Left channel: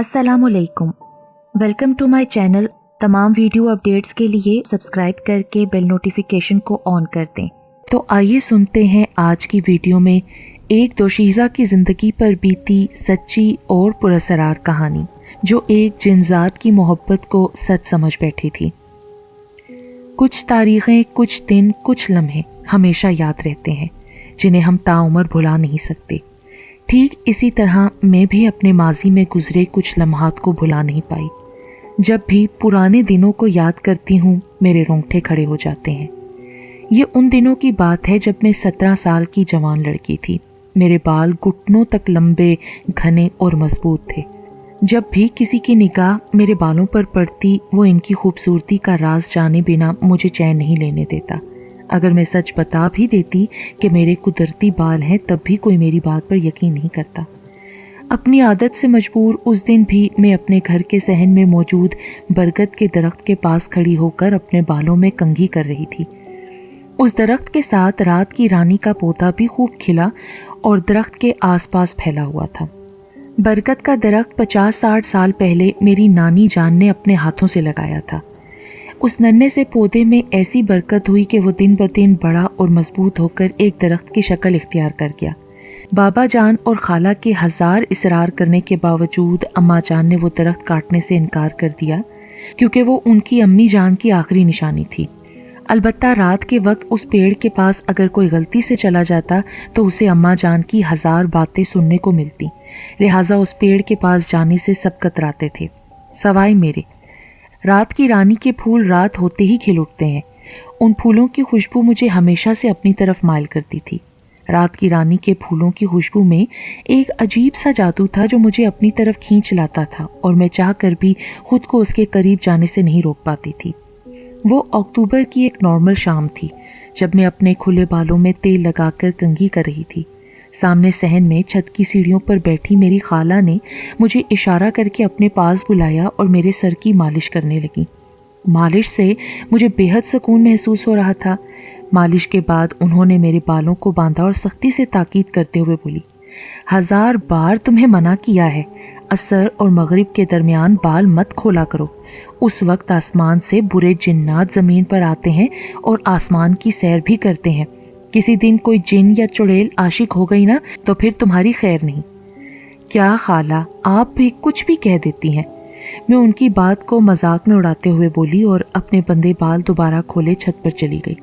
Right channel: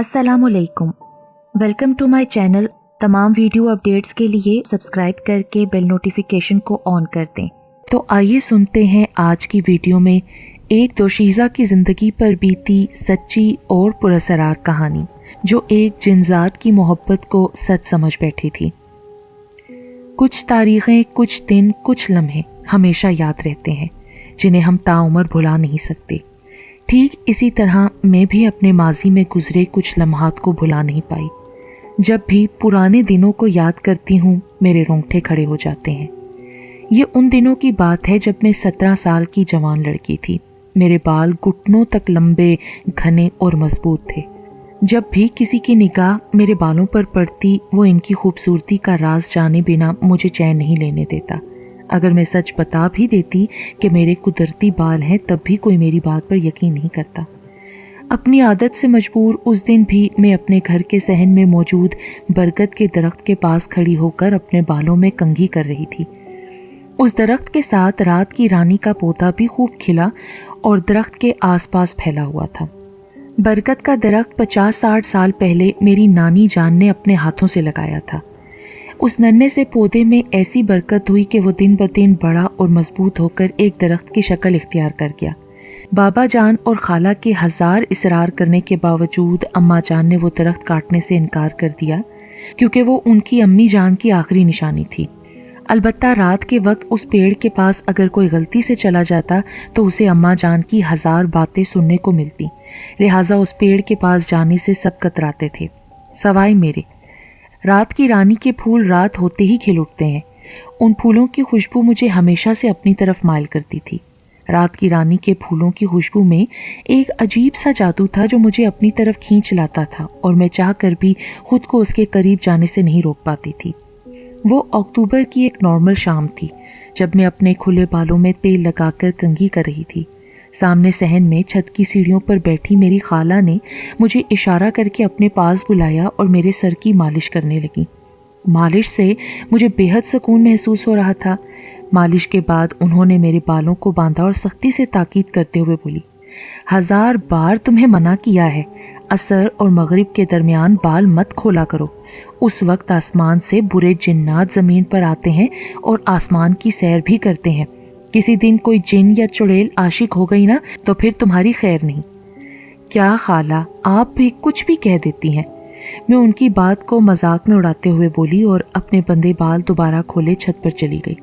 अस्सलाम वालेकुम, welcome to my channel. तमाम वीडियो अपडेट्स के लिए सब्सक्राइब करके बेल नोटिफिकेशन को ऑन कर दें। तो आइए सुनते हैं आज की वीडियो में एक दोशीज़ा की ज़िंदगी पर बीती सच्ची और पुरअसरार कहानी, जो एक जिनजात की मोहब्बत को सच समझ बैठी थी। कुछ तारीखें, कुछ दिन, कुछ लम्हे हमेशा याद रहते हैं, जिन्हें हम ताउम्र भुला नहीं सकते। ठीक इसी तरह मैं भी अपने माजी में गुजरे कुछ लम्हात को भुला नहीं पाई। जब भी पुराने दिनों को याद करती हूँ, मेरे रोंगटे खड़े हो जाते हैं। ये उन दिनों की बात है जब मैं 17 साल की जवान लड़की थी। मेरे बाल घुटनों तक लंबे, घने और मजबूत थे। जब भी किसी की निगाह मेरे बालों पर पड़ती, वो इनकी खूबसूरती का राज जाने बिना मुझे चैन नहीं लेने देता। अगर मैं सच बता भी देती कि मेरे कुदरती बाल हैं, तब भी कोई मेरी बात पर यकीन नहीं करता। अपनी आदत से मजबूर उस दिन भी मैं अपने घर के सहन में मौजूद बरगद के दरख्त के पास खड़ी होकर अपने बालों में कंघी कर रही थी। उस दरख्त के साथ रात की रानी का पौधा भी खूब खिला और दरख्त के आसपास फैला हुआ था। बरगद का दरख्त 50-60 साल पहले मेरी नानी जान ने अपने हाथों से लगाया था। उस नन्हे से पौधे में ऐसी बरकत हुई कि वो दिन ब दिन बड़ा और मजबूत होकर एक दरख्त की शक्ल इख्तियार कर गया। बाबा जान और खाला के 1000 इसरार करने के बावजूद अम्मा जान ने वो दरख्त काटने से इनकार कर दिया, क्योंकि वो उनकी अम्मी जान की आखिरी निशानी थी। अलबत्ता रात के वक्त उस पेड़ के पास अगर कोई गलती से चला जाता तो उसे अम्मा जान की 1000 बातें सुनने को मिलती। लिहाजा उस पेड़ के पास जाने से सब कतराते थे, सवाए मेरे। रात की रानी के फूल रात होते ही खिल उठते हैं। उन फूलों की खुशबू मुझे हमेशा से अपनी तरफ माइल करती थी। रात की रानी के फूलों की खुशबू में एक अजीब सा जादू था जो मुझे अपनी तरफ खींच लाता था, और मैं चाह कर भी खुद को उसके करीब जाने से नहीं रोक पाती थी। वो अक्टूबर की एक नॉर्मल शाम थी, जब मैं अपने खुले बालों में तेल लगाकर कंघी कर रही थी। सामने सहन में छत की सीढ़ियों पर बैठी मेरी खाला ने मुझे इशारा करके अपने पास बुलाया और मेरे सर की मालिश करने लगी। मालिश से मुझे बेहद सुकून महसूस हो रहा था। मालिश के बाद उन्होंने मेरे बालों को बांधा और सख्ती से ताकीद करते हुए बोली, 1000 बार तुम्हें मना किया है, असर और मगरिब के दरमियान बाल मत खोला करो। उस वक्त आसमान से बुरे जिन्नात ज़मीन पर आते हैं और आसमान की सैर भी करते हैं। किसी दिन कोई जिन या चुड़ैल आशिक हो गई ना, तो फिर तुम्हारी खैर नहीं। क्या खाला, आप भी कुछ भी कह देती हैं। मैं उनकी बात को मजाक में उड़ाते हुए बोली और अपने बंदे बाल दोबारा खोले छत पर चली गई।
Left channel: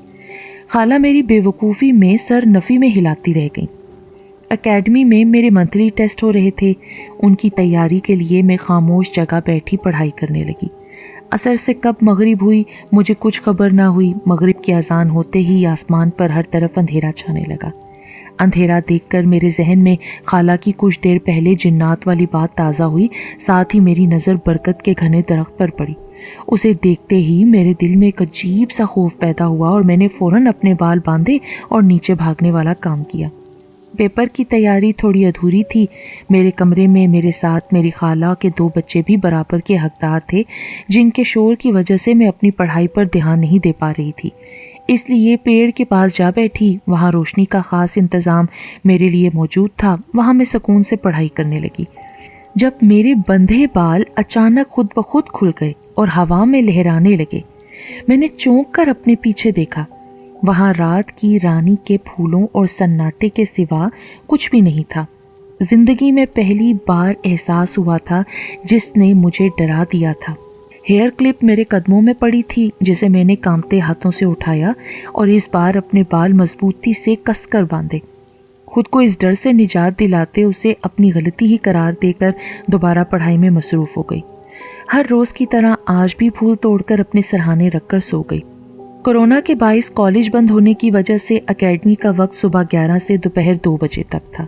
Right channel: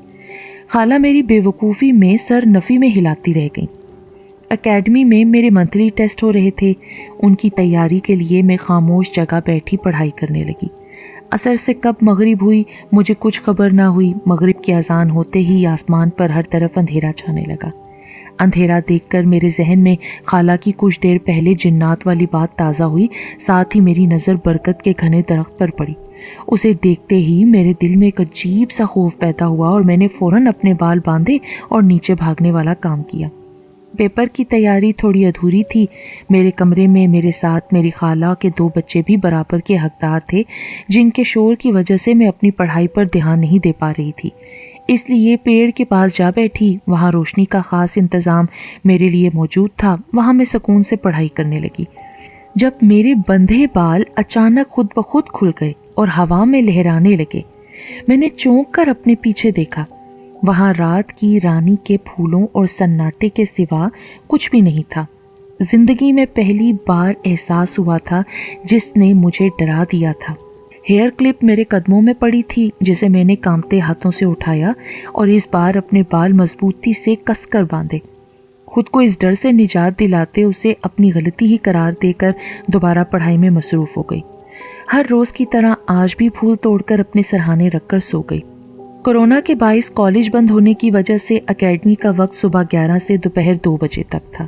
खाला मेरी बेवकूफ़ी में सर नफ़ी में हिलाती रह गई। एकेडमी में मेरे मंथली टेस्ट हो रहे थे। उनकी तैयारी के लिए मैं खामोश जगह बैठी पढ़ाई करने लगी। असर से कब मगरिब हुई मुझे कुछ खबर ना हुई। मगरिब की अजान होते ही आसमान पर हर तरफ अंधेरा छाने लगा। अंधेरा देखकर मेरे जहन में खाला की कुछ देर पहले जिन्नात वाली बात ताज़ा हुई। साथ ही मेरी नज़र बरकत के घने दरख्त पर पड़ी। उसे देखते ही मेरे दिल में एक अजीब सा खौफ पैदा हुआ और मैंने फ़ौरन अपने बाल बांधे और नीचे भागने वाला काम किया। पेपर की तैयारी थोड़ी अधूरी थी। मेरे कमरे में मेरे साथ मेरी खाला के 2 बच्चे भी बराबर के हकदार थे, जिनके शोर की वजह से मैं अपनी पढ़ाई पर ध्यान नहीं दे पा रही थी। इसलिए पेड़ के पास जा बैठी। वहाँ रोशनी का ख़ास इंतज़ाम मेरे लिए मौजूद था। वहाँ मैं सुकून से पढ़ाई करने लगी, जब मेरे बंधे बाल अचानक खुद ब खुद खुल गए और हवा में लहराने लगे। मैंने चौंक कर अपने पीछे देखा। वहाँ रात की रानी के फूलों और सन्नाटे के सिवा कुछ भी नहीं था। जिंदगी में पहली बार एहसास हुआ था जिसने मुझे डरा दिया था। हेयर क्लिप मेरे कदमों में पड़ी थी, जिसे मैंने कांपते हाथों से उठाया और इस बार अपने बाल मजबूती से कसकर बांधे। खुद को इस डर से निजात दिलाते उसे अपनी गलती ही करार देकर दोबारा पढ़ाई में मसरूफ हो गई। हर रोज की तरह आज भी फूल तोड़कर अपने सरहाने रखकर सो गई। कोरोना के बाइस कॉलेज बंद होने की वजह से एकेडमी का वक्त सुबह 11 से दोपहर 2 बजे तक था।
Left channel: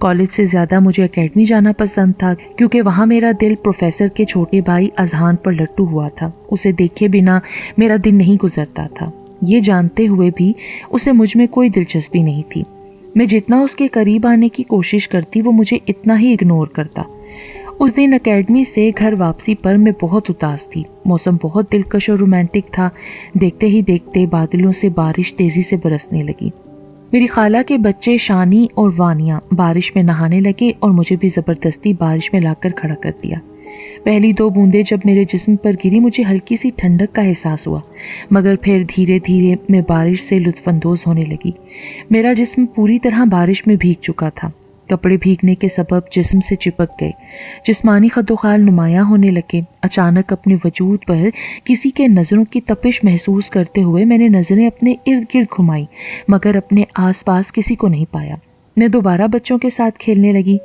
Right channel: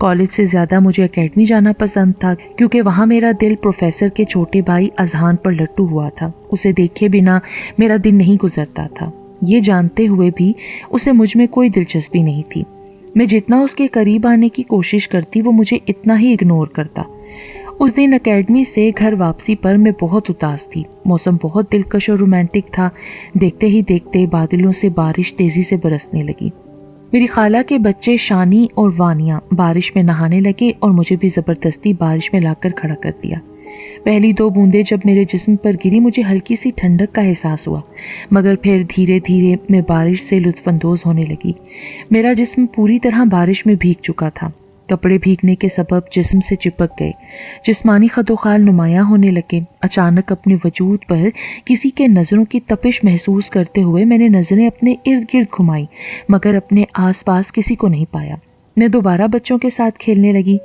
कॉलेज से ज़्यादा मुझे एकेडमी जाना पसंद था, क्योंकि वहाँ मेरा दिल प्रोफेसर के छोटे भाई अजहान पर लट्टू हुआ था। उसे देखे बिना मेरा दिन नहीं गुजरता था। ये जानते हुए भी उसे मुझ में कोई दिलचस्पी नहीं थी। मैं जितना उसके करीब आने की कोशिश करती, वो मुझे इतना ही इग्नोर करता। उस दिन एकेडमी से घर वापसी पर मैं बहुत उदास थी। मौसम बहुत दिलकश और रोमांटिक था। देखते ही देखते बादलों से बारिश तेजी से बरसने लगी। मेरी खाला के बच्चे शानी और वानिया बारिश में नहाने लगे और मुझे भी ज़बरदस्ती बारिश में लाकर खड़ा कर दिया। पहली 2 बूंदें जब मेरे जिस्म पर गिरी मुझे हल्की सी ठंडक का एहसास हुआ, मगर फिर धीरे धीरे मैं बारिश से लुत्फानंदोज होने लगी। मेरा जिस्म पूरी तरह बारिश में भीग चुका था। कपड़े भीगने के सबब जिस्म से चिपक गए, जिस्मानी खदोखाल नुमायां होने लगे। अचानक अपने वजूद पर किसी के नज़रों की तपिश महसूस करते हुए मैंने नज़रें अपने इर्द गिर्द घुमाई, मगर अपने आसपास किसी को नहीं पाया। मैं दोबारा बच्चों के साथ खेलने लगी।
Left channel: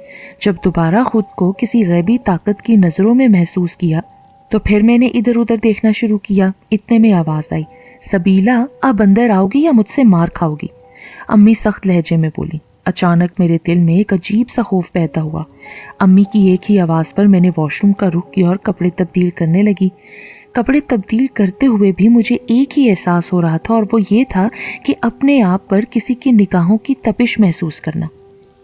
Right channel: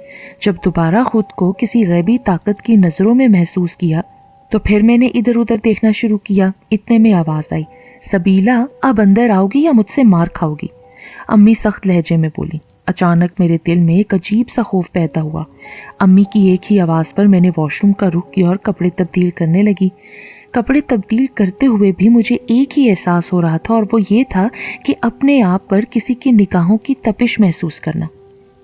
जब दोबारा खुद को किसी गैबी ताकत की नज़रों में महसूस किया तो फिर मैंने इधर उधर देखना शुरू किया। इतने में आवाज़ आई, सबीला अब अंदर आओगी या मुझसे मार खाओगी? अम्मी सख्त लहजे में बोली। अचानक मेरे दिल में एक अजीब सा खौफ पैदा हुआ। अम्मी की एक ही आवाज़ पर मैंने वॉशरूम का रुख किया और कपड़े तब्दील करने लगी। कपड़े तब्दील करते हुए भी मुझे एक ही एहसास हो रहा था, और वो ये था कि अपने आप पर किसी की निगाहों की तपिश महसूस करना।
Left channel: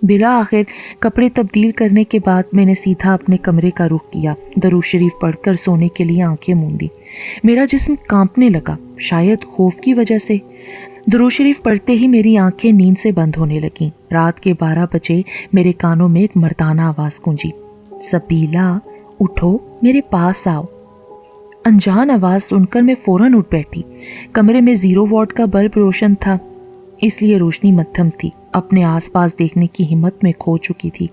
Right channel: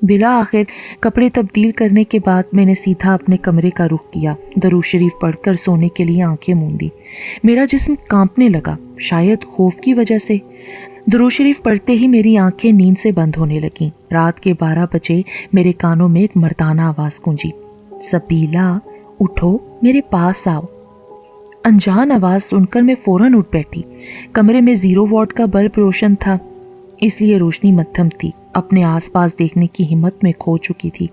बिला आखिर कपड़े तब्दील करने के बाद मैंने सीधा अपने कमरे का रुख किया। दरूद शरीफ पढ़कर सोने के लिए आंखें मूंदी। मेरा जिस्म कांपने लगा, शायद खौफ की वजह से। दरूद शरीफ पढ़ते ही मेरी आंखें नींद से बंद होने लगीं। रात के 12 बजे मेरे कानों में एक मर्दाना आवाज़ गूंजी, सबीला उठो, मेरे पास आओ। अनजान आवाज़ सुनकर मैं फौरन उठ बैठी। कमरे में 0 वॉट का बल्ब रोशन था, इसलिए रोशनी मध्यम थी। अपने आसपास देखने की हिम्मत में खो चुकी थी,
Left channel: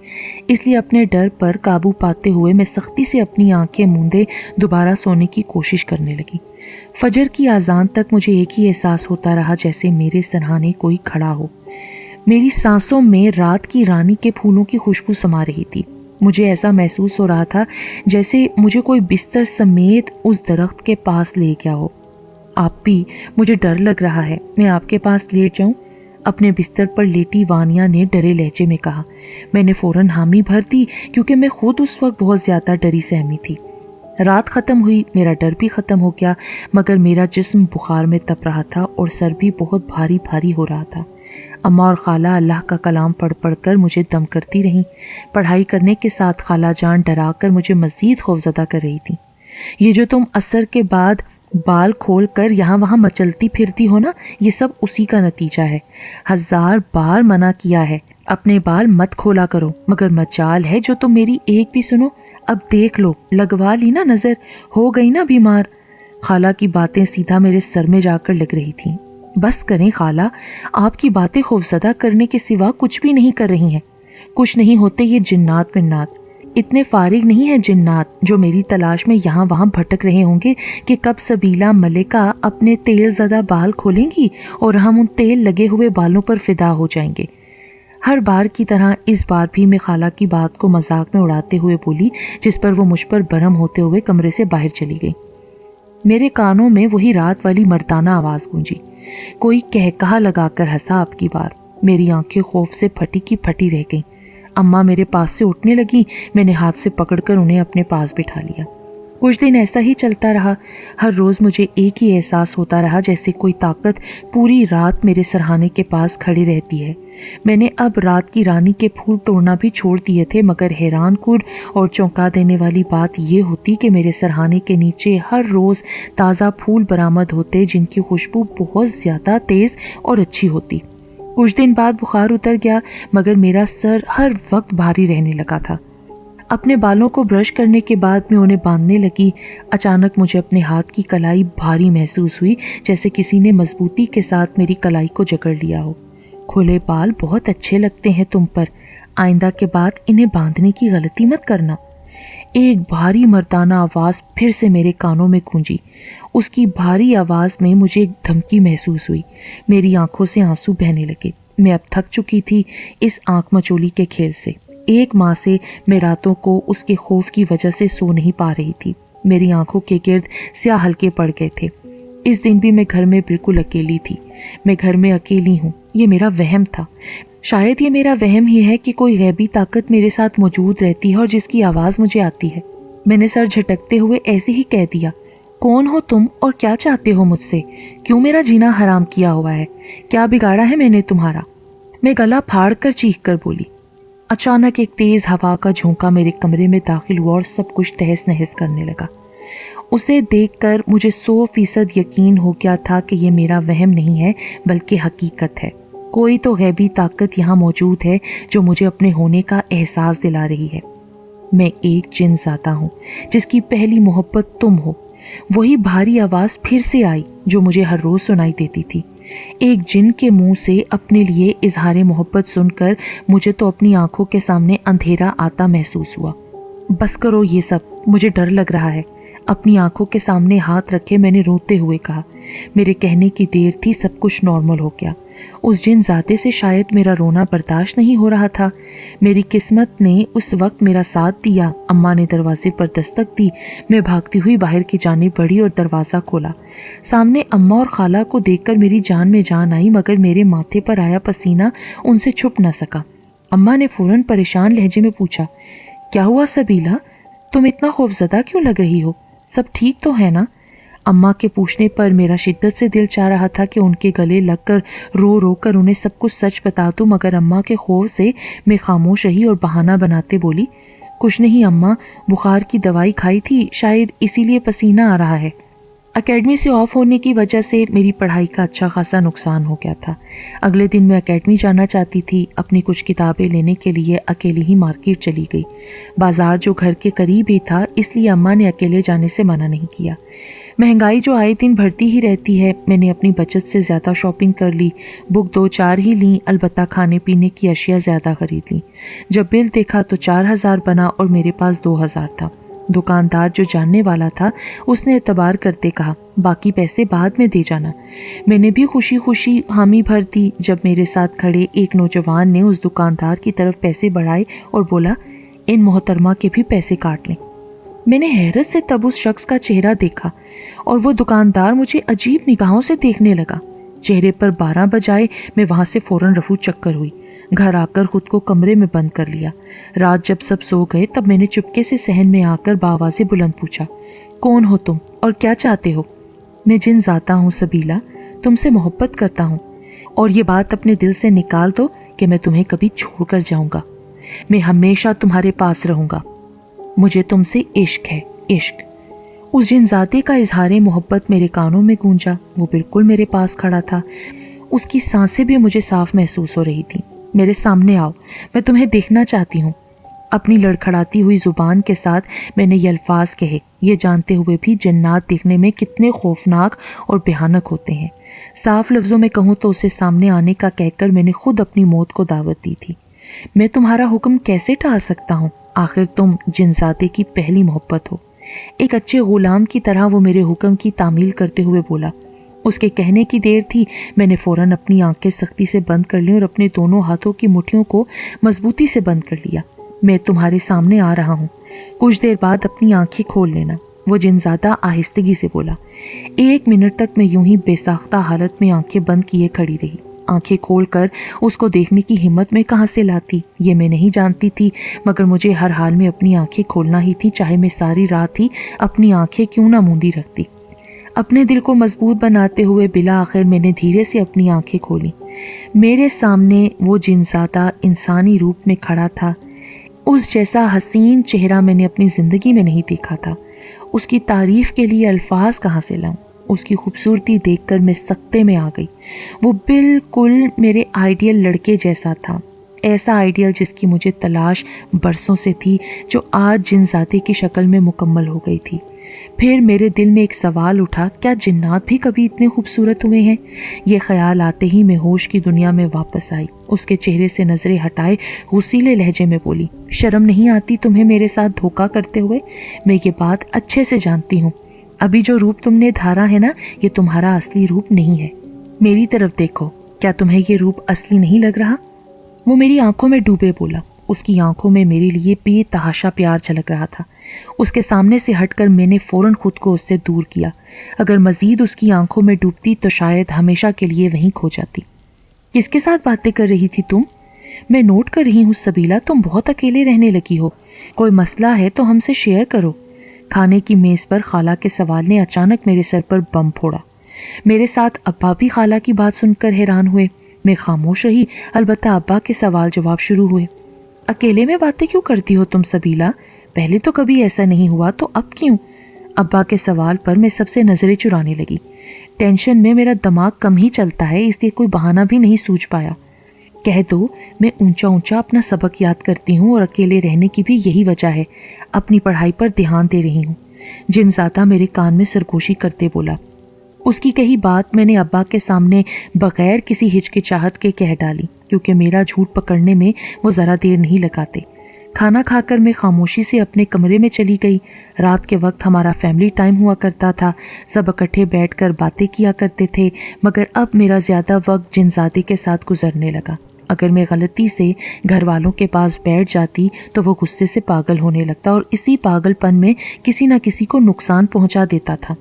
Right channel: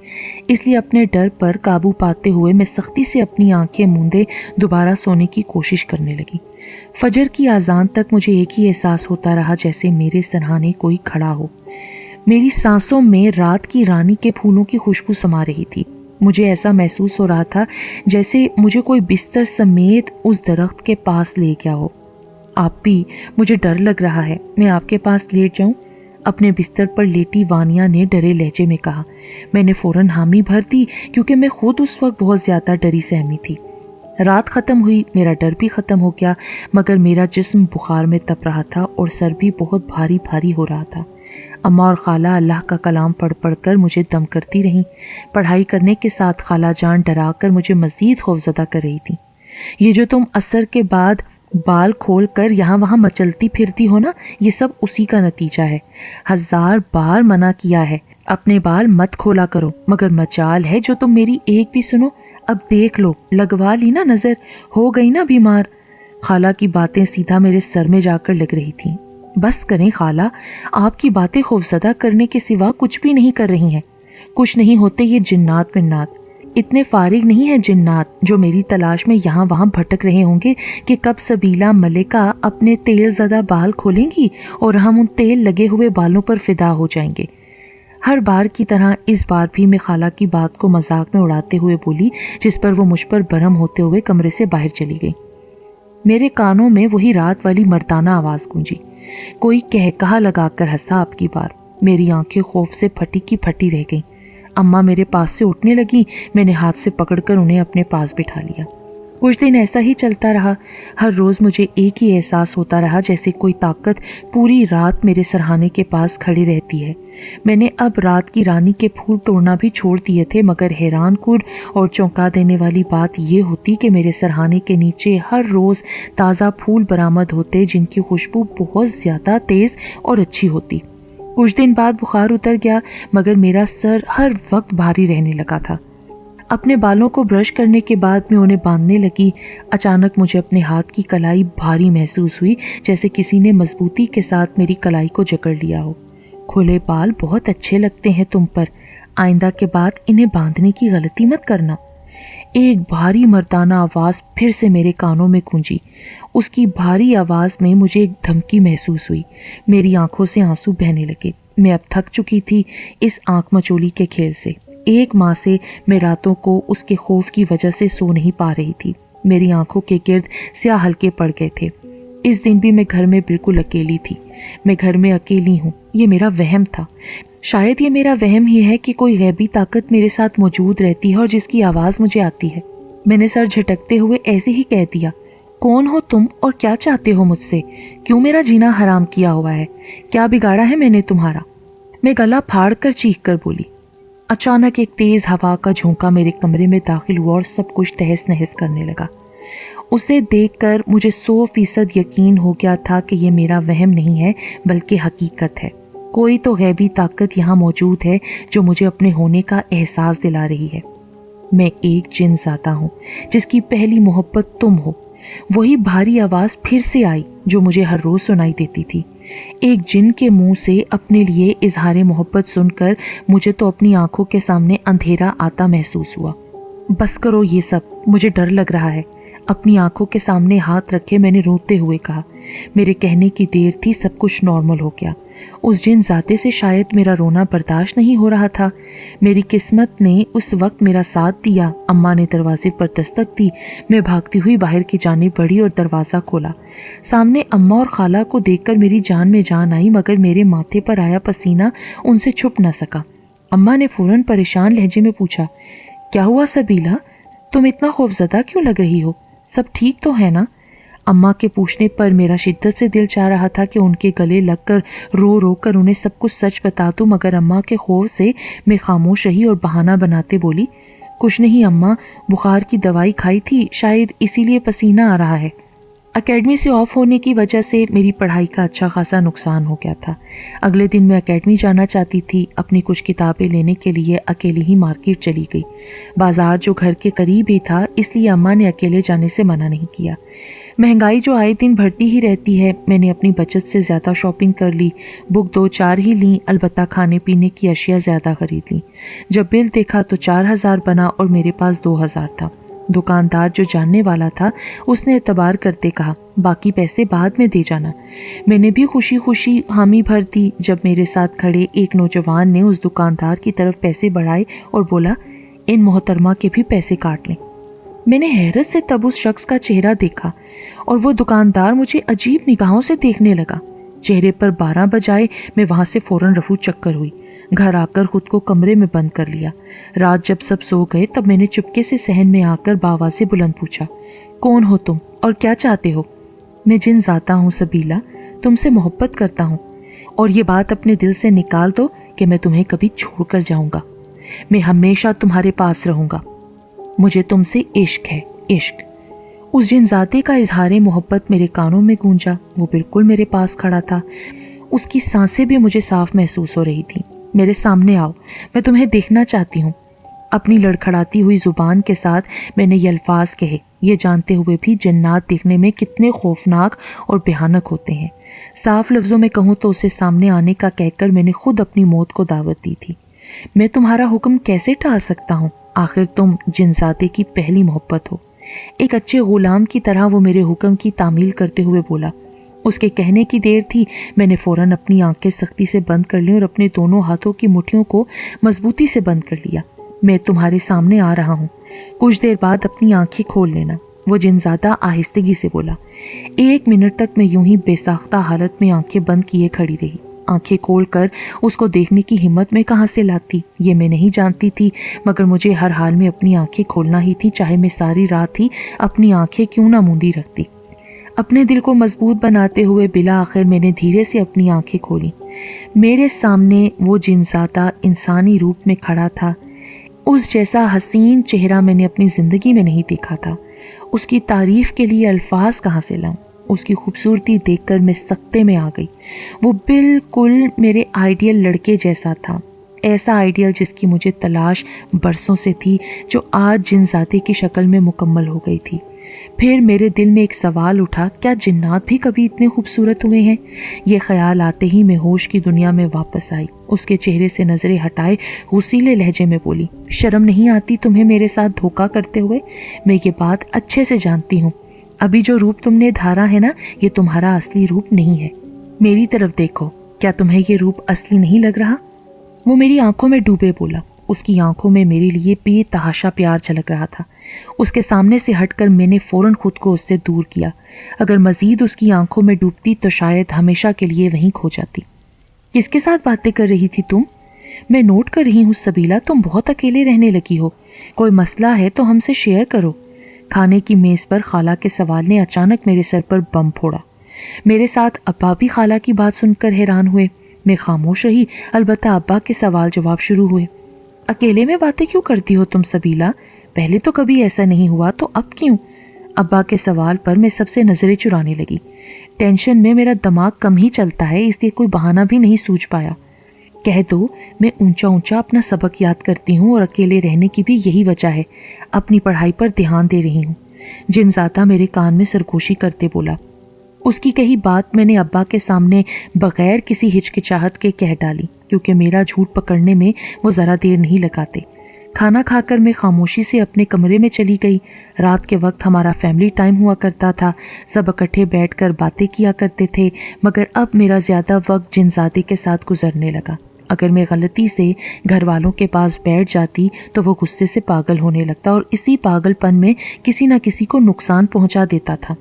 इसलिए अपने डर पर काबू पाते हुए मैं सख्ती से अपनी आंखें मूंदे दोबारा सोने की कोशिश करने लगी। फजर की आज़ान तक मुझे एक ही एहसास होता रहा, जैसे मेरे सरहाने कोई खड़ा हो। मेरी सांसों में रात की रानी के फूलों की खुशबू समा रही थी। मुझे ऐसा महसूस हो रहा था जैसे मुझे कोई बिस्तर समेत उस दरख्त के पास ले गया हो। आप भी, मुझे डर लग रहा है, मैं आपके पास लेट जाऊं? अपने बिस्तर पर लेटी वानिया ने डरे लहजे में कहा। मैंने फौरन हामी भर दी, क्योंकि मैं खुद उस वक्त बहुत ज़्यादा डरी सहमी थी। रात ख़त्म हुई, मेरा डर भी ख़त्म हो गया, मगर मेरा जिस्म बुखार में तप रहा था और सर भी बहुत भारी भारी हो रहा था। अम्मा और खाला अल्लाह का कलाम पढ़ पढ़ कर मुझे दम करती रहीं। पढ़ाई करने के साथ खाला जान डरा कर मुझे मज़ीद खौफज़दा कर रही थी। ये जो तुम असर के बाद बाल खोल कर यहाँ वहाँ मचलती फिरती हो ना, ये सब उसी का नतीजा है। 1000 बार मना किया है, अपने बाल मत खोला करो, मगर मजाल है जो तुम मेरी एक भी सुनो। अब देख लो, लगवा ली ना नज़र, हो गई ना बीमार। खाला की बातें सीधा मेरे सर में जाकर लग रही थी। बस करें खाला, आपकी बातें खौफज़दा करने के सिवा कुछ भी नहीं कर रही हैं। कुछ नहीं होते ये जिन्नात मिन्नात, इतने फारिग नहीं है जिन्नात जो मेरी तलाश में यहाँ वहाँ भटक रहे होंगे कि कब सबीला मलिका अपने तेल ज़दा बाल खोलेंगी और हम उन तेल लगे हुए बालों पर फिदा हो जाएंगे। हर बार की तरह इस बार भी मैं खाला की बात को मजाक में उड़ाते हुए बोली, जिस पर वो मुझ पर बरम होते हुए कमरे से बाहर चली गई। मेरे कानों में वही रात वाली मर्दाना आवाज़ गूंजी। कोई कहकहा लगाकर हंसा। अब की बार मेरी आंखें खौफ से फटी की फटी रह गईं। अम्मा मेरे पास से उठने लगी। मैंने हाथ से पकड़कर उन्हें अपने पास बिठा लिया। कुछ दिन ऐसा ही चलता रहा। हर रोज़ मुझे एक ही एहसास होता रहा, जैसे कोई ताकत पूरी रात मेरे सरहाने के पास खड़ी रहती है। मैंने अब रात की रानी के फूल तोड़ना भी छोड़ दिए थे, मगर हैरान कुन और चौंका देने वाली बात ये होती कि मेरे सरहाने के नीचे हर रोज़ ताज़ा फूल बरामद होते, जिनकी खुशबू बहुत ज़्यादा तेज़ और अच्छी होती। कुछ दिन बाद बुखार उतर गया, मगर मेरा सर हर वक्त भारी रहने लगा था। अपने बालों को ब्रश करने के बाद मैं उन्हें बांधने लगी। अचानक मुझे अपने हाथ की कलाई भारी महसूस हुई, जैसे किसी ने मजबूती के साथ मेरी कलाई को जकड़ लिया हो। खुले बाल बहुत अच्छे लगते हैं तुम पर, आइंदा के बाद इन्हें बांधने की गलती मत करना। एक भारी मर्दाना आवाज़ फिर से मेरे कानों में गूंजी। उसकी भारी आवाज़ में मुझे एक धमकी महसूस हुई। मेरी आंखों से आंसू बहने लगे। मैं अब थक चुकी थी इस आंख मचोली के खेल से। 1 माह से मैं रातों को उसके खौफ की वजह से सो नहीं पा रही थी। मेरी आंखों के गिर्द स्याह हल्के पड़ गए थे। इस दिन भी मैं घर में बिल्कुल अकेली थी। मैं घर में अकेली हूँ, ये मेरा वहम था। शायद ये मेरा वहम ही है कि कोई गैबी ताकत मेरे साथ मौजूद रहती है और जिसकी आवाज़ मुझे आती है। मैंने सर झटकते हुए ऐसे ही कह दिया, कौन हो तुम और क्या चाहते हो मुझसे? क्यों मेरा जीना हराम किया हुआ है? क्या बिगाड़ा है मैंने तुम्हारा? मैं गला फाड़ कर चीख कर बोली। अचानक एक तेज हवा का झोंका मेरे कमरे में दाखिल हुआ और सब कुछ तहस नहस करने लगा। उसे देखकर मुझे 100% यकीन हो गया था कि ये मेरा वहम नहीं है, बल्कि हकीकत है। कोई तो गैबी ताकत यहाँ मौजूद है जो मुझे अपने होने का एहसास दिला रही है। میں ایک جن زادہ ہوں جس کی پہلی محبت تم ہو۔ وہی بھاری آواز پھر سے آئی جو مجھے ہر روز سنائی دیتی تھی۔ ایک جن کے منہ سے اپنے لیے اظہار محبت سن کر مجھے تو اپنی آنکھوں کے سامنے اندھیرا آتا محسوس ہوا۔ بس کرو یہ سب، مجھے ڈر لگ رہا ہے، اپنی آنکھوں کے سامنے ہاتھ رکھے میں نے روتے ہوئے کہا۔ میرے کہنے کی دیر تھی، سب کچھ نارمل ہو گیا۔ اس جن زادے سے شاید میرا رونا برداشت نہیں ہو رہا تھا۔ میری قسمت نے اس وقت میرا ساتھ دیا۔ اماں نے دروازے پر دستک دی۔ میں بھاگتی ہوئی باہر کی جانب بڑھی اور دروازہ کھولا۔ سامنے اماں اور خالہ کو دیکھ کر میری جان میں جان آئی، مگر میرے ماتھے پر آیا پسینہ ان سے چھپ نہ سکا۔ اماں نے فوراً پریشان لہجے میں پوچھا، کیا ہوا سبیلا؟ تم اتنا خوفزدہ کیوں لگ رہی ہو؟ سب ٹھیک تو ہے نا؟ اماں کے پوچھنے پر میرا شدت سے دل چاہ رہا تھا کہ ان کے گلے لگ کر رو رو کر انہیں سب کچھ سچ بتا دوں، مگر اماں کے خوف سے میں خاموش رہی اور بہانہ بناتے بولی، کچھ نہیں اماں، بخار کی دوائی کھائی تھی، شاید اسی لیے پسینہ آ رہا ہے۔ اکیڈمی سے آف ہونے کی وجہ سے میری پڑھائی کا اچھا خاصا نقصان ہو گیا تھا۔ اگلے دن میں اکیڈمی جانا چاہتی تھی۔ اپنی کچھ کتابیں لینے کے لیے اکیلی ہی مارکیٹ چلی گئی۔ بازار جو گھر کے قریب ہی تھا، اس لیے اماں نے اکیلے جانے سے منع نہیں کیا۔ مہنگائی جو آئے دن بڑھتی ہی رہتی ہے، میں نے اپنی بچت سے زیادہ شاپنگ کر لی۔ بک 2-4 ہی لی، البتہ کھانے پینے کی اشیاء زیادہ خرید لی۔ جب بل دیکھا تو 4000 بنا اور میرے پاس 2000 تھا۔ دکاندار جو جاننے والا تھا اس نے اعتبار کرتے کہا، باقی پیسے بعد میں دے جانا۔ میں نے بھی خوشی خوشی حامی بھر دی۔ جب میرے ساتھ کھڑے ایک نوجوان نے اس دکاندار کی طرف پیسے بڑھائے اور بولا، ان محترمہ کے بھی پیسے کاٹ لیں۔ میں نے حیرت سے تب اس شخص کا چہرہ دیکھا اور وہ دکاندار مجھے عجیب نگاہوں سے دیکھنے لگا۔ چہرے پر 12 بجائے میں وہاں سے فوراً رفو چکر ہوئی۔ گھر آ کر خود کو کمرے میں بند کر لیا۔ رات جب سب سو گئے تب میں نے چپکے سے صحن میں آ کر بآوازی بلند پوچھا، کون ہو تم اور کیا چاہتے ہو؟ میں جن ذاتہ ہوں سبیلا، تم سے محبت کرتا ہوں، اور یہ بات اپنے دل سے نکال دو کہ میں تمہیں کبھی چھوڑ کر جاؤں گا۔ میں ہمیشہ تمہارے پاس رہوں گا۔ مجھے تم سے عشق ہے، عشق۔ اس جن ذاتے کا اظہار محبت میرے کانوں میں گونجا۔ وہ بالکل میرے پاس کھڑا تھا۔ اس کی سانسیں بھی مجھے صاف محسوس ہو رہی تھی۔ میرے سامنے آؤ، میں تمہیں دیکھنا چاہتی ہوں۔ اپنی لڑکھڑاتی ہوئی زبان کے ساتھ میں نے یہ الفاظ کہے، یہ جانتے ہوئے بھی جنات دیکھنے میں کتنے خوفناک اور بھیانک ہوتے ہیں۔ صاف لفظوں میں کہوں تو اسے سامنے آنے کا کہہ کر میں نے خود اپنی موت کو دعوت دی تھی۔ میں تمہارا حکم کیسے ٹال سکتا ہوں؟ آخر تم جنزادے کی پہلی محبت ہو۔ ایک اچھے غلام کی طرح وہ میرے حکم کی تعمیل کرتے ہوئے بولا۔ اس کے کہنے کی دیر تھی، میں نے فوراً اپنی آنکھیں سختی سے بند کر لیں اور اپنے دونوں ہاتھوں کی مٹھیوں کو مضبوطی سے بند کر لیا۔ میں تمہارے سامنے آ رہا ہوں، کچھ دیر بعد اپنی آنکھیں کھول لینا، وہ جنزادہ آہستگی سے بولا۔ 1 منٹ تک میں یوں ہی بے ساختہ حالت میں آنکھیں بند کیے کھڑی رہی۔ آنکھیں کھول کر اس کو دیکھنے کی ہمت میں کہاں سے لاتی یہ میں نہیں جانتی تھی، مگر مجھے ہر حال میں اپنی آنکھیں کھولنا ہی تھی، چاہے میں ساری رات ہی اپنی آنکھیں کیوں نہ موندی رکھتی۔ اپنے دل کو مضبوط بناتے ہوئے بالآخر میں نے دھیرے سے اپنی آنکھیں کھولی۔ میرے سامنے وہ جنزادہ انسانی روپ میں کھڑا تھا۔ اس جیسا حسین چہرہ میں نے اپنی زندگی میں نہیں دیکھا تھا۔ اس کی تعریف کے لیے الفاظ کہاں سے لاؤں؟ اس کی خوبصورتی دیکھ کر میں سکتے میں آ گئی۔ وہ بالکل میرے آئیڈیل لڑکے جیسا تھا، ایسا آئیڈیل جس کی مجھے تلاش برسوں سے تھی، جو آج جنزادے کی شکل میں مکمل ہو گئی تھی۔ پھر میرے دل میں ایک سوال اٹھا، کیا جنات بھی کبھی اتنے خوبصورت ہوئے ہیں؟ یہ خیال آتے ہی میں ہوش کی دنیا میں واپس آئی۔ اس کے چہرے سے نظریں ہٹائے غصیلے لہجے میں بولی، شرم نہیں آتی تمہیں میرے ساتھ دھوکہ کرتے ہوئے؟ میں یہ بات اچھے سے جانتی ہوں، ابھی جو روپ تم نے دھارا ہے نا، یہ تمہارا اصلی روپ نہیں ہے۔ میری طرف دیکھو، کیا تمہیں یہ روپ اصلی نہیں لگ رہا؟ وہ میری آنکھوں میں ڈوبے بولا۔ اس کی آنکھوں میں میرے لیے بے تحاشا پیار جھلک رہا تھا۔ اس کے سامنے سے ہٹ کر میں نے فوراً خود کو اس سے دور کیا۔ اگر مزید اس کی آنکھوں میں ڈوبتی تو شاید ہمیشہ کے لیے وہیں کھو جاتی۔ کس کے ساتھ باتیں کر رہی تھی تم؟ میں نوٹ کر رہی ہوں سبیلا، تم بہت اکیلے رہنے لگی ہو، کوئی مسئلہ ہے تو ہم سے شیئر کرو۔ کھانے کی میز پر خالہ کے سوال نے اچانک میرے سر پر بم پھوڑا۔ میرے ساتھ ابا بھی خالہ کی بات سن کر حیران ہوئے۔ میں خاموش رہی، البتہ ابا کے سوال جواب شروع ہوئے۔ اکیلے میں باتیں کیوں کرتی ہو تم سبیلا؟ پہلے تو کبھی ایسا نہیں ہوا، تو اب کیوں؟ ابا کے سوال پر میں سب سے نظریں چرانے لگی۔ ٹینشن میں میرا دماغ کم ہی چلتا ہے، اس لیے کوئی بہانہ بھی نہیں سوچ پایا۔ کہہ دو میں اونچا اونچا اپنا سبق یاد کرتی ہوں اور اکیلے رہنے کی بھی یہی وجہ ہے، اپنی پڑھائی پر دھیان دے رہی ہوں، جنزادہ میرے کان میں سرگوشی کرتے بولا۔ اس کی کہی بات میں نے ابا کے سامنے بغیر کسی ہچکچاہٹ کے کہہ ڈالی، کیونکہ میرا جھوٹ پکڑنے میں وہ ذرا دیر نہیں لگاتے۔ کھانا کھا کر میں خاموشی سے اپنے کمرے میں چلی گئی۔ رات کے وقت ہمارا فیملی ٹائم ہوا کرتا تھا، سب اکٹھے بیٹھ کر باتیں کیا کرتے تھے، مگر اب میرا زیادہ وقت جنزادی کے ساتھ گزرنے لگا۔ اگر میں غلطی سے گھر والوں کے پاس بیٹھ جاتی تو وہ غصے سے پاگل ہونے لگتا اور اسی پاگل پن میں کسی نہ کسی کو نقصان پہنچا دیتا تھا۔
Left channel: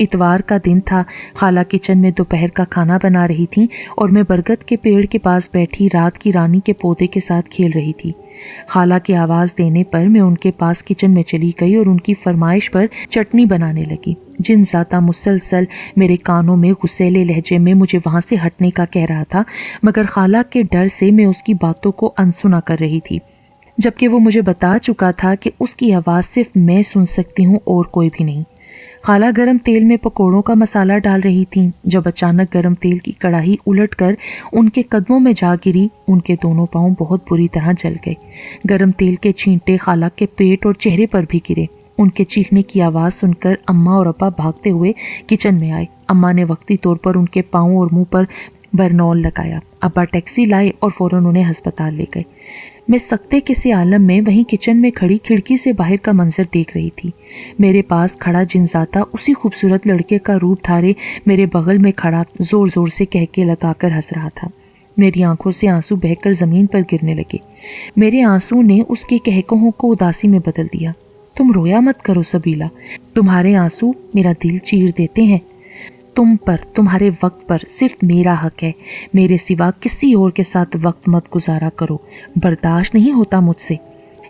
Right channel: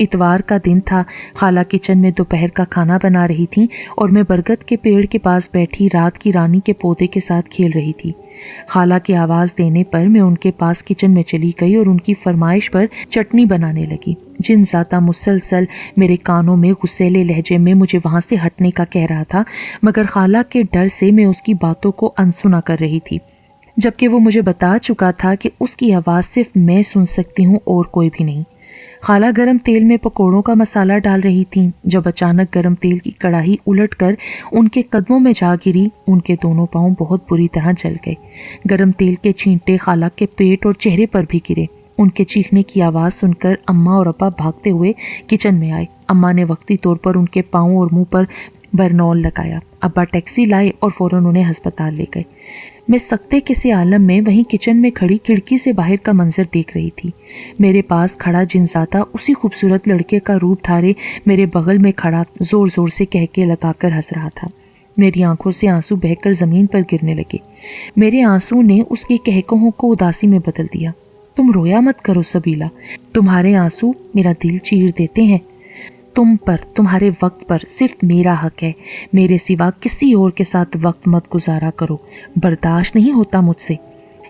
اتوار کا دن تھا، خالہ کچن میں دوپہر کا کھانا بنا رہی تھیں اور میں برگد کے پیڑ کے پاس بیٹھی رات کی رانی کے پودے کے ساتھ کھیل رہی تھی۔ خالہ کی آواز دینے پر میں ان کے پاس کچن میں چلی گئی اور ان کی فرمائش پر چٹنی بنانے لگی۔ جنزادہ مسلسل میرے کانوں میں غصیلے لہجے میں مجھے وہاں سے ہٹنے کا کہہ رہا تھا، مگر خالہ کے ڈر سے میں اس کی باتوں کو انسنا کر رہی تھی، جبکہ وہ مجھے بتا چکا تھا کہ اس کی آواز صرف میں سن سکتی ہوں اور کوئی بھی نہیں۔ خالہ گرم تیل میں پکوڑوں کا مسالہ ڈال رہی تھیں جب اچانک گرم تیل کی کڑاہی الٹ کر ان کے قدموں میں جا گری۔ ان کے دونوں پاؤں بہت بری طرح جل گئے۔ گرم تیل کے چھینٹے خالہ کے پیٹ اور چہرے پر بھی گرے۔ ان کے چیخنے کی آواز سن کر اماں اور ابا بھاگتے ہوئے کچن میں آئے۔ اماں نے وقتی طور پر ان کے پاؤں اور منہ پر برنول لگایا۔ ابا ٹیکسی لائے اور فوراً انہیں ہسپتال لے گئے۔ میں سکتے کسی عالم میں وہیں کچن میں کھڑی کھڑکی سے باہر کا منظر دیکھ رہی تھی۔ میرے پاس کھڑا جنزادہ اسی خوبصورت لڑکے کا روپ دھارے میرے بغل میں کھڑا زور زور سے کہکے لگا کر ہنس رہا تھا۔ میری آنکھوں سے آنسو بہہ کر زمین پر گرنے لگے۔ میرے آنسو نے اس کی کہکہوں کو اداسی میں بدل دیا۔ تم رویا مت کرو سبیلا، تمہارے آنسو میرا دل چیر دیتے ہیں۔ تم پر، تمہارے وقت پر صرف میرا حق ہے، میرے سوا کسی اور کے ساتھ وقت مت گزارا کرو، برداشت نہیں ہوتا مجھ سے۔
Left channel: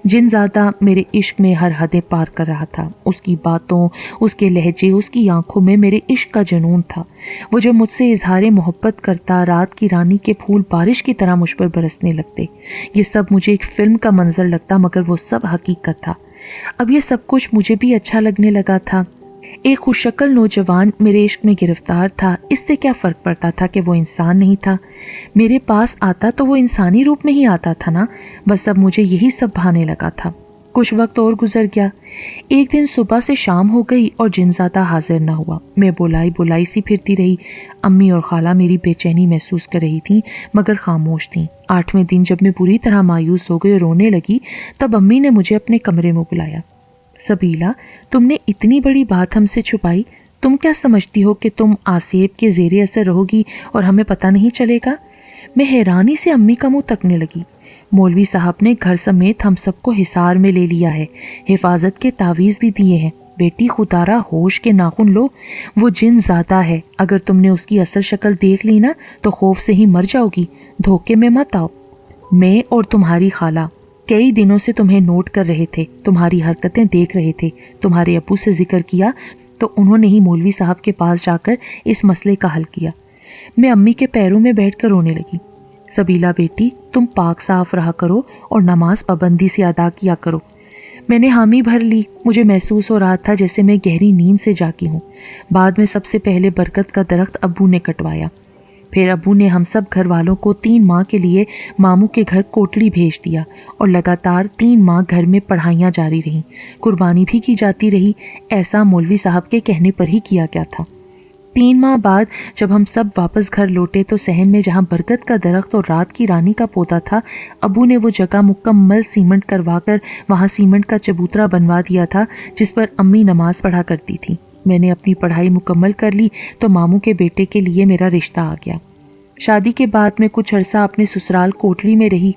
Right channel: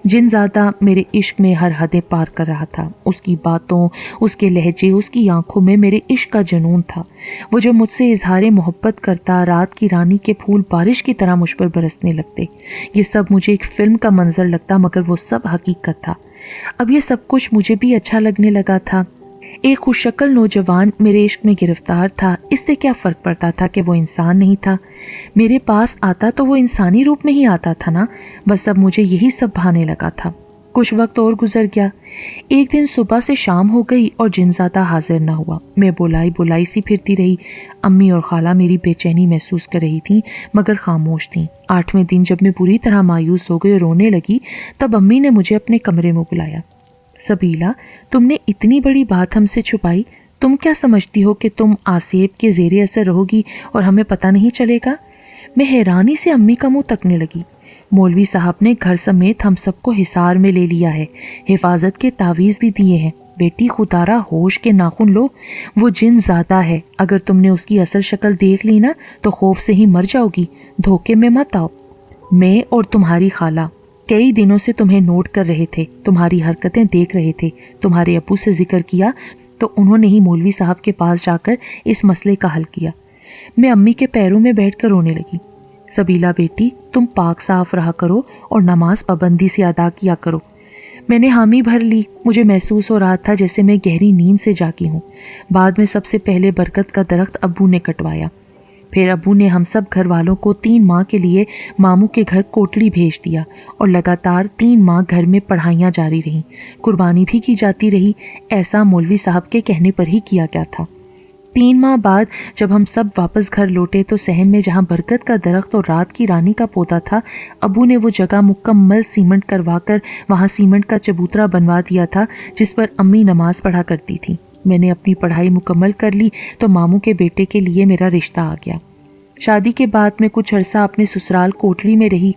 جنزادہ میرے عشق میں ہر حدیں پار کر رہا تھا۔ اس کی باتوں، اس کے لہجے، اس کی آنکھوں میں میرے عشق کا جنون تھا۔ وہ جو مجھ سے اظہار محبت کرتا، رات کی رانی کے پھول بارش کی طرح مجھ پر برسنے لگتے۔ یہ سب مجھے ایک فلم کا منظر لگتا، مگر وہ سب حقیقت تھا۔ اب یہ سب کچھ مجھے بھی اچھا لگنے لگا تھا۔ ایک خوش شکل نوجوان میرے عشق میں گرفتار تھا، اس سے کیا فرق پڑتا تھا کہ وہ انسان نہیں تھا؟ میرے پاس آتا تو وہ انسانی روپ میں ہی آتا تھا نا، بس اب مجھے یہی سب بھانے لگا تھا۔ کچھ وقت اور گزر گیا۔ ایک دن صبح سے شام ہو گئی اور جنزادہ حاضر نہ ہوا۔ میں بولائی سی پھرتی رہی۔ امی اور خالہ میری بے چینی محسوس کر رہی تھیں، مگر خاموش تھیں۔ 8ویں دن جب میں پوری طرح مایوس ہو گئی اور رونے لگی، تب امی نے مجھے اپنے کمرے میں بلایا۔ سبیلا، تم نے اتنی بڑی بات ہم سے چھپائی، تم کیا سمجھتی ہو کہ تم آسیب کے زیر اثر رہو گی اور ہمیں پتہ نہیں چلے گا؟ میں حیرانی سے امی کا منہ تکنے لگی۔ مولوی صاحب نے گھر سمیت ہم سب کو حصار میں لے لیا ہے، حفاظت کے تعویذ بھی دیے ہیں۔ بیٹی خودارا، ہوش کے ناخن لو، وہ جن زیادہ ہے، اگر تم نے اس کی اصل شکل دیکھ لی نا تو خوف سے ہی مر جاؤ گی، دھوکے میں مت آؤ۔ میں اور تمہاری خالہ کئی دنوں سے تمہیں نوٹ کر رہے تھے، تمہاری حرکتیں دیکھ رہے تھے۔ تمہارے ابو سے ذکر کیا تو انہوں نے ہی مولوی صاحب کے پاس جا کر اس مسئلے کا حل کیا۔ میں امی کے پیروں میں بیٹھ کر رونے لگی۔ سبیلا بیٹی، تم پاک صاف رہا کرو اور نماز پابندی سے ادا کیا کرو۔ میں نے حامی بھر لی۔ مجھے محسوس ہو رہا تھا جیسے میں گہری نیند سے جاگی ہوں۔ بعد میں سب سے پہلے برکت کا درخت ابو نے کٹوایا، پھر ابو نے ہم سب گھر والوں کو 3 ماہ کے لیے ماموں کے گھر کوٹلی بھیج دیا اور لگاتار 3 ماہ گھر میں پڑھائیاں جاری رہیں، قربانی بھی کی جاتی رہی۔ ایسا مولوی صاحب کے کہنے پر ہی کیا گیا تھا۔ 3 ماہ بعد جب ہم سب واپس گھر لوٹے تو صحن میں جہاں برکت کا درخت اور رات کی رانی کا پودا تھا، ابو نے وہ جگہ مکمل سیمنٹ کروا کر وہاں سیمنٹ کا چبوترا بنوا دیا تھا جس پر امی نماز پڑھا کرتی تھی۔ میں نے اپنی پڑھائی مکمل کر لی تو ماموں کے بیٹے کے لیے میرا رشتہ آ گیا۔ شادی کے بعد میں کچھ عرصہ اپنے سسرال کوٹلی میں رہی،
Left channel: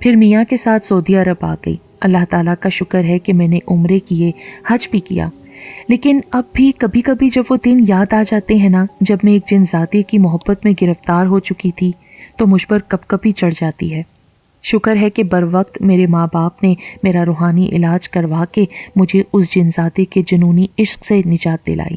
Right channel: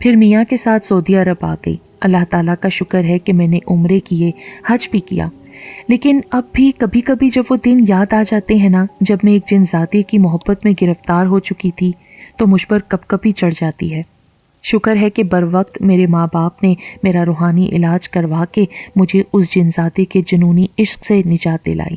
پھر میاں کے ساتھ سعودی عرب آ گئی۔ اللہ تعالیٰ کا شکر ہے کہ میں نے عمرے کیے، حج بھی کیا، لیکن اب بھی کبھی کبھی جب وہ دن یاد آ جاتے ہیں نا، جب میں ایک جنزادی کی محبت میں گرفتار ہو چکی تھی، تو مجھ پر کب کبھی چڑھ جاتی ہے۔ شکر ہے کہ بر وقت میرے ماں باپ نے میرا روحانی علاج کروا کے مجھے اس جنزادے کے جنونی عشق سے نجات دلائی۔